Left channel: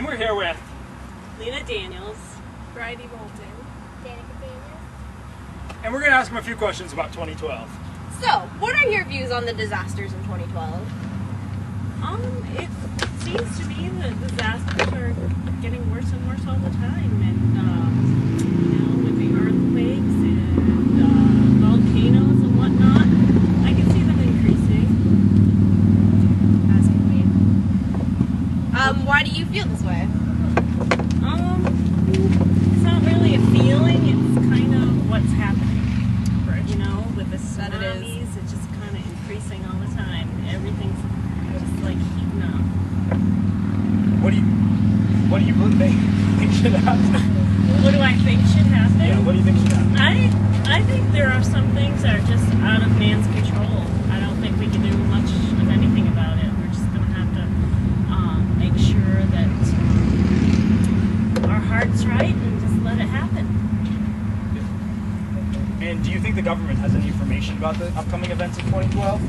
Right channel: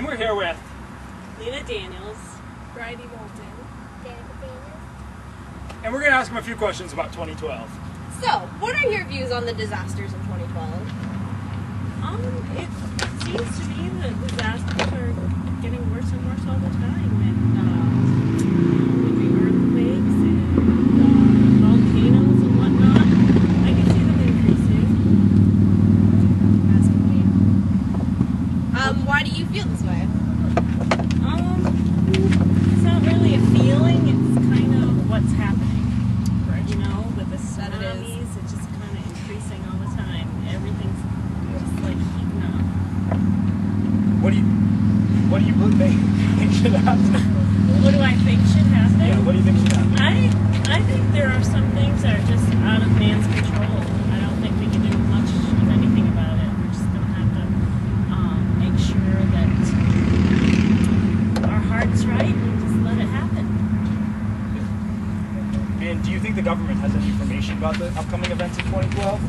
And we're here with Lena Daniels, Bridie Moulton, Danica Daniels. and we're going to ask them a few questions about 2012. So, what are your views on the disasters in 2012? it seems to be that disasters are getting worse and worse all the time, and with the earthquakes and volcanoes and whatnot, I can see them increasing. Asking me. Why do you feel this way? It's not really a feeling; it's kind of what's happening. Right. You know, with the That it is. tsunamis, it's just kind of increasing all the time. Everything's just like heating up. What do you think should happen? What do I think should happen? Yeah, what do you think should happen? I think there are some things that are just out of man's control. I don't think we can do much of anything about it. We're just going to have to make sure that our heart's right and just let it happen. And do you think the government has any information about the upcoming events in 2012?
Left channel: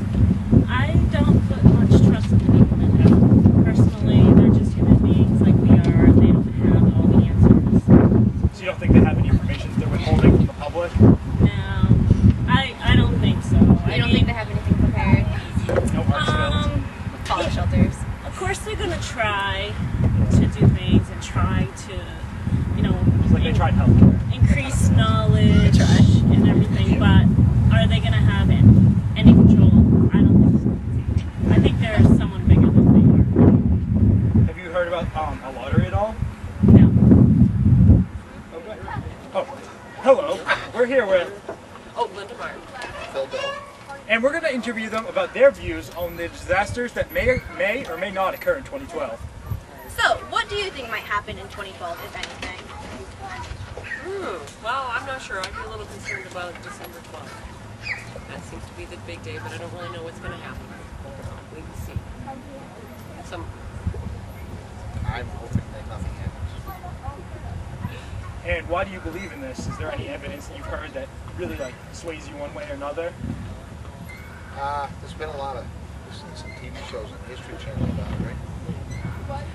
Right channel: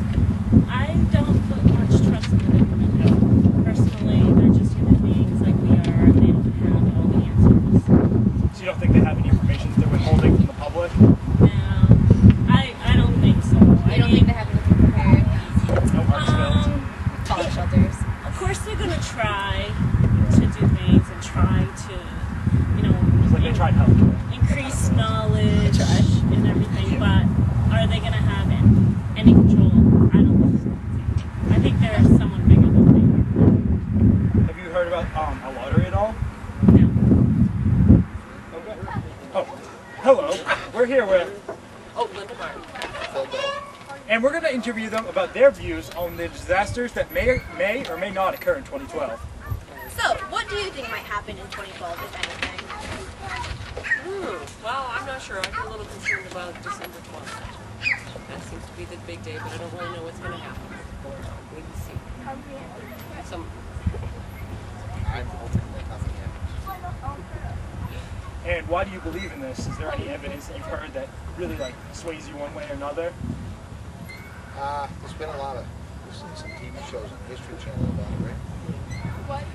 I don't put much trust in the government at all. Personally, they're just human beings like we are. They don't have all the answers. So you don't think they have any information that they're withholding from the public? No, I don't think so. You don't think they have anything prepared? No heart spills? Fallout shelters. Of course, they're going to try to do things and try to, It's like they tried healthcare. increase knowledge and everything, but are they going to have any control? I don't think so. I think there's someone bigger than they are. Have you heard about a lottery at all? No. Okay. Oh, hello. We're here with, Linda Martin. and we're going to interview them about their views on the disasters that may or may not occur in 2012. So, what do you think might happen in 2012, if anything? Well, I'm not sure. I'd be a little concerned about December 12th. That seems to be the big day, but I don't really know what's going to happen. I'll wait and see. I'm hoping that nothing happens. And why do you believe in this? Is there any evidence that you've heard that really sways you one way or another? There's been a lot of, we've seen some TV shows on the History Channel about it, right?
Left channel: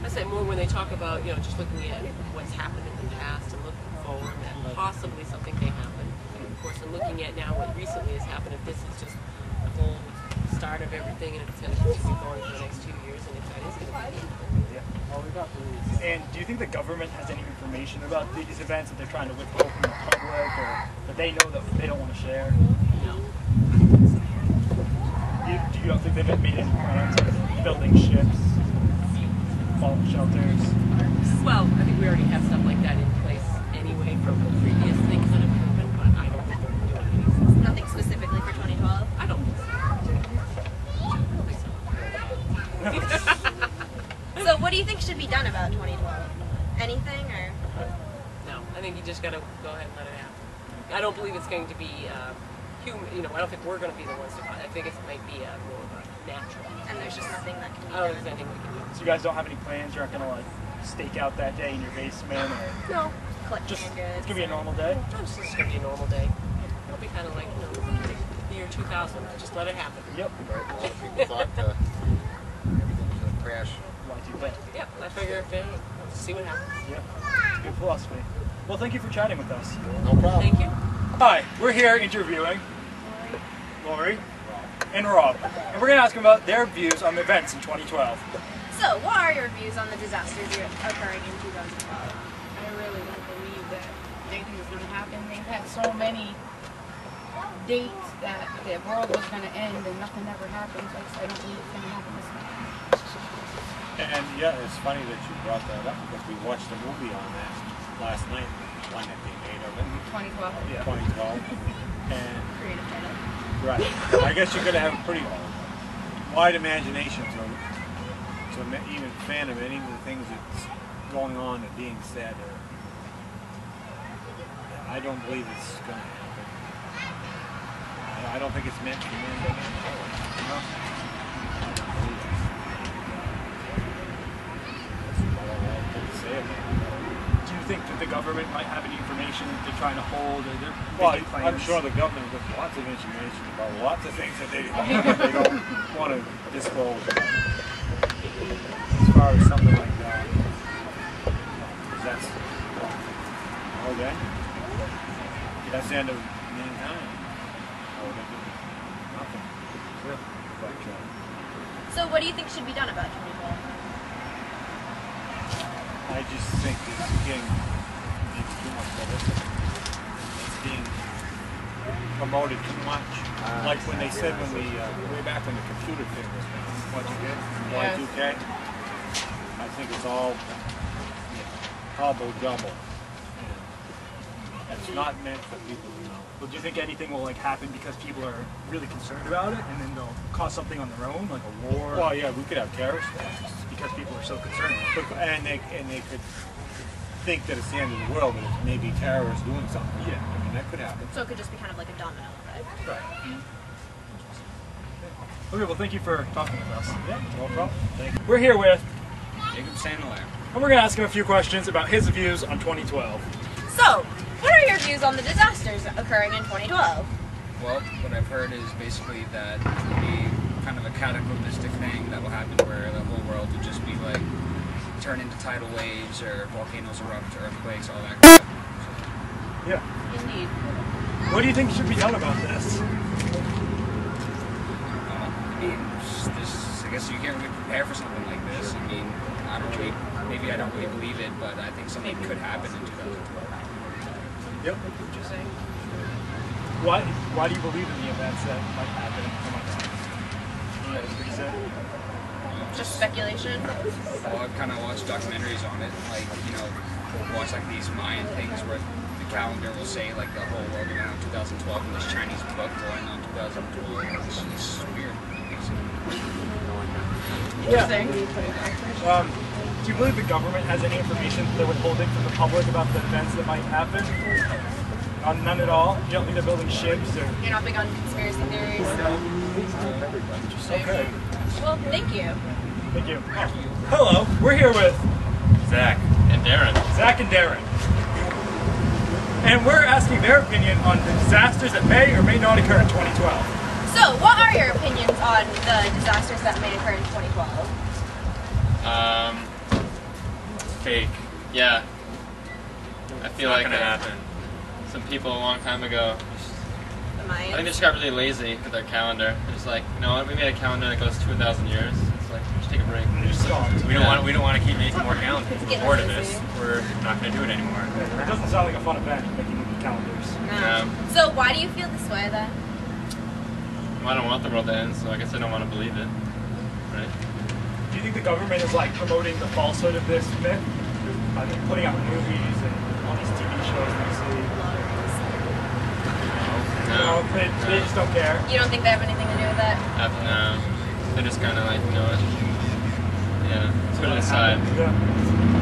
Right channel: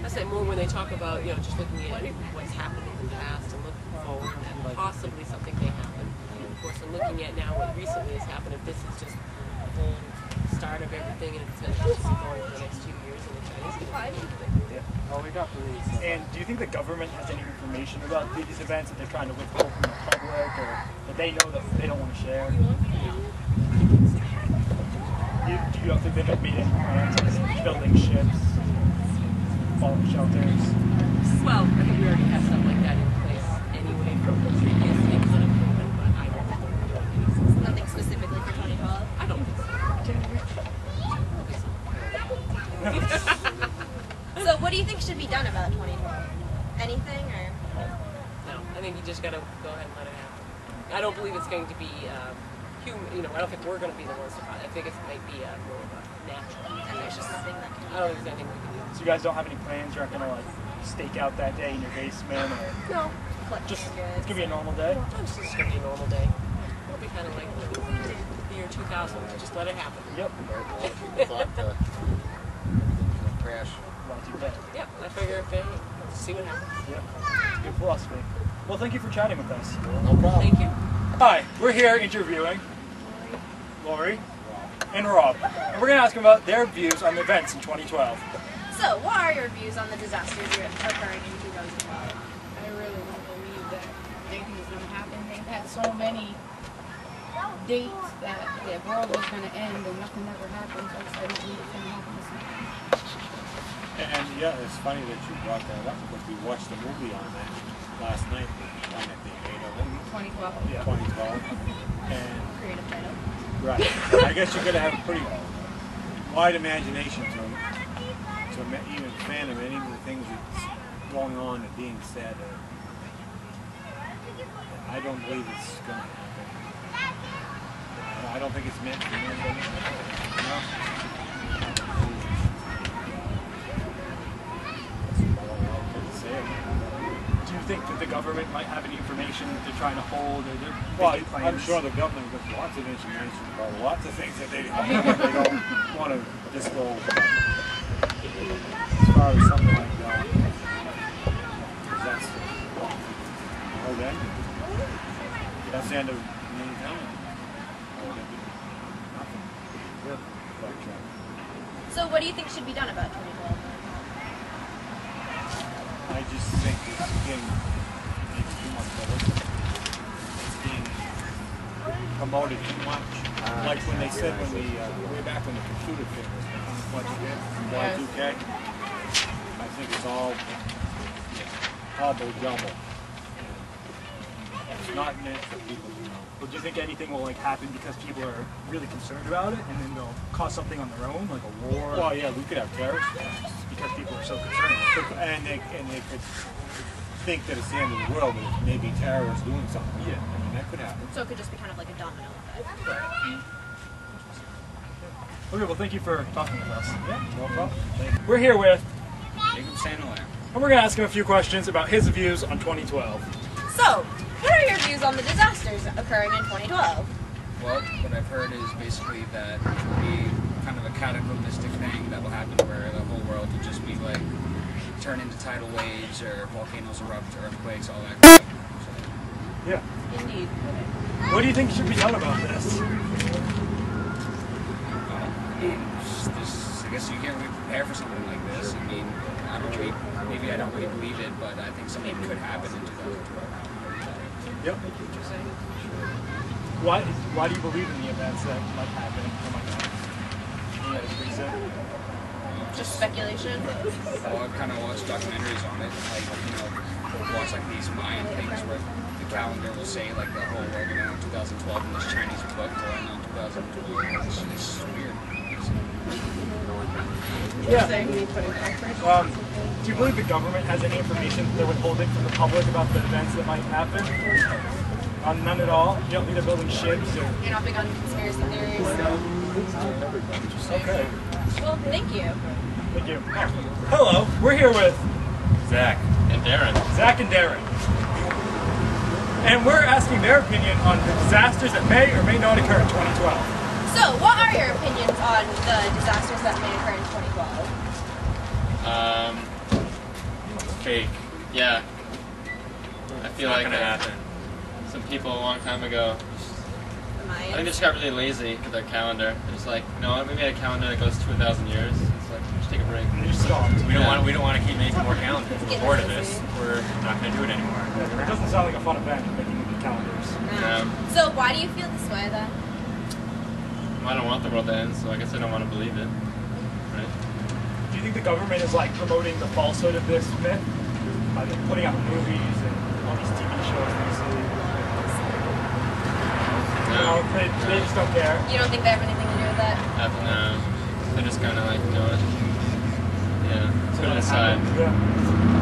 I say more when they talk about, just looking at what's happened in the past and looking forward and possibly something may happen. And of course, I'm looking at now what recently has happened. If this is just the whole start of everything and if it's going to continue going for the next 2 years and if that is going to be And do you think the government has any information about these events that they're trying to withhold from the public or that they know that they don't want to share? No. Do you don't think they've made any plans on building ships, fallout shelters? Well, I think we already have stuff like that in place anyway from previous things that have proven, but I don't think we're doing anything. Nothing specifically for 2012? I don't think so. So, what do you think should be done about 2012? Anything, or? No, I think you just got to go ahead and let it happen. I don't believe it's going to be human. I don't think we're going to be the ones to. I think it might be more of a natural. And there's just nothing that can be I don't done? think there's anything we can do. So you guys don't have any plans? You're not going to stake out that day in your basement? Or No, Collecting just, your goods? it's going to be a normal day? it's just going to be a normal day. It'll be kind of like the year 2000. Just let it happen. Yep. Right? A lot of people thought everything was going to crash. Y2K. Yep. I figure if let's see what happens. Yep. It's a good philosophy. Well, thank you for chatting with us. No problem. Thank you. Hi, we're here interviewing Lori and Rob, and we're going to ask them about their views on the events in 2012. So, what are your views on the disasters occurring in 2012? I really don't believe that anything is going to happen. They've had so many dates that the world was going to end and nothing ever happened. So I don't believe it's going to happen this time. And yeah, it's funny that you brought that up because we watched a movie on that last night, the one that they made of it, 2012. Yeah. 2012. And Creative title. right, I guess you're going to have a pretty wide imagination to even fathom any of the things that's going on and being said. I don't believe it's going to happen. I don't think it's meant to be meant by man. No. I don't believe it. That's about all I can say about it. Do you think that the government might have any information that they're trying to hold, or they're Well, making plans? I'm sure the government has lots of information about lots of things that they don't want to disclose about. As far as something like that. that's the whole end. That's the end of mankind. Oh, they do nothing. Yeah. But, So what do you think should be done about 2012? I just think it's getting maybe too much publicity. It's being promoted too much. Like when they said when the way back when the computer thing was done, Y2K, I think it's all hobble jumble. It's not meant for people to know. Well, do you think anything will like happen because people are really concerned about it, and then they'll cause something on their own, like a war? Well, yeah, we could have terrorist attacks. Because people are so concerned. And they could think that it's the end of the world, but it's maybe terrorists doing something. Yeah. I mean, that could happen. So it could just be kind of like a domino effect. Right. Okay, well, thank you for talking with us. Yeah, no problem. Thank you. We're here with Jacob Sandler. and we're going to ask him a few questions about his views on 2012. So, what are your views on the disasters occurring in 2012? Well, what I've heard is basically that it will be kind of a cataclysmic thing that will happen where the whole world will just be like turn into tidal waves or volcanoes erupt, earthquakes, all that kind of stuff. So, Yeah. Indeed. What do you think should be done about this? I mean, I guess you can't really prepare for something like this. I mean, maybe I don't really believe it, but I think something could happen in 2012. Yep. Interesting. Why do you believe in the events that might happen or might not? Any reason? Just speculation? Well, I've kind of watched documentaries on it, like, watch like these Mayan things where the calendar will say like the whole world will end on 2012 and this Chinese book will end on 2012. It's weird. Interesting. Do you believe the government has any information they're withholding from the public about the events that might happen? None at all? You don't think they're building ships? Or... You're not big on conspiracy theories? Okay. Well, thank you. Thank you. Hello, we're here with Zach and Darren. Zach and Darren. And we're asking their opinion on the disasters that may or may not occur in 2012. So, what are your opinions on the disasters that may occur in 2012? Fake. Yeah. I feel like gonna happen. Some people a long time ago, The I think they Mayans? just got really lazy with their calendar. They're just like, you know what, we made a calendar that goes 2,000 years. It's like, just take a break. And they just stopped. We don't want to keep making more calendars. We're bored of this. We're not going to do it anymore. It doesn't sound like a fun event, making calendars. No. So, why do you feel this way then? I don't want the world to end, so I guess I don't want to believe it. Right? Do you think the government is like promoting the falsehood of this myth? By putting out movies and all these TV shows we see? No. They just don't care. You don't think they have anything to do with that? No. They're just kind of like, you know, yeah, put it aside. Yeah.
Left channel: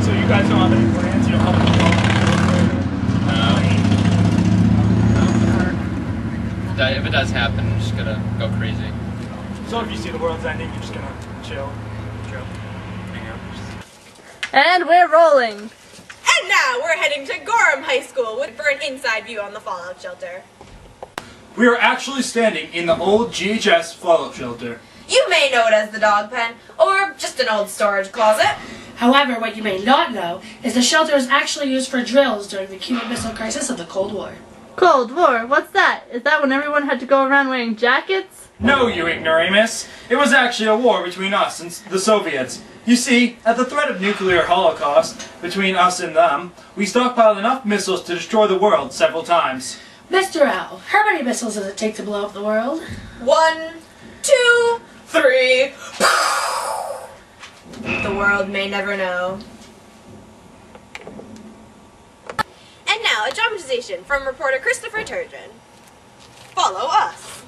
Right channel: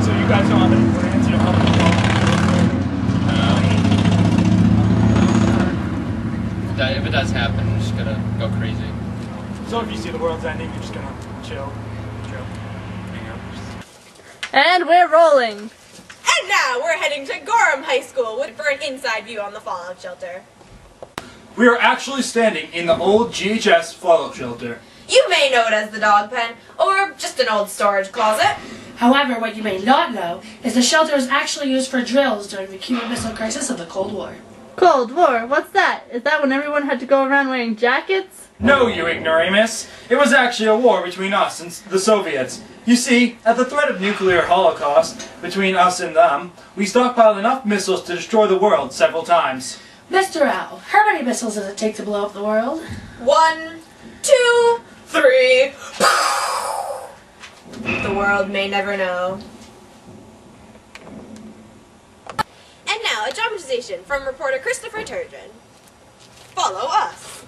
So you guys don't have any plans? You don't have any plans? If it does happen, I'm just gonna go crazy. So if you see the world's ending, you're just gonna chill. Hang out. And we're rolling. And now we're heading to Gorham High School for an inside view on the fallout shelter. We are actually standing in the old GHS fallout shelter. You may know it as the dog pen, or just an old storage closet. However, what you may not know is the shelter was actually used for drills during the Cuban Missile Crisis of the Cold War. Cold War, what's that? Is that when everyone had to go around wearing jackets? No, you ignoramus. It was actually a war between us and the Soviets. You see, at the threat of nuclear holocaust between us and them, we stockpiled enough missiles to destroy the world several times. Mr. Al, how many missiles does it take to blow up the world? 1, 2, 3. The world may never know. And now, a dramatization from reporter Christopher Turgeon. Follow us.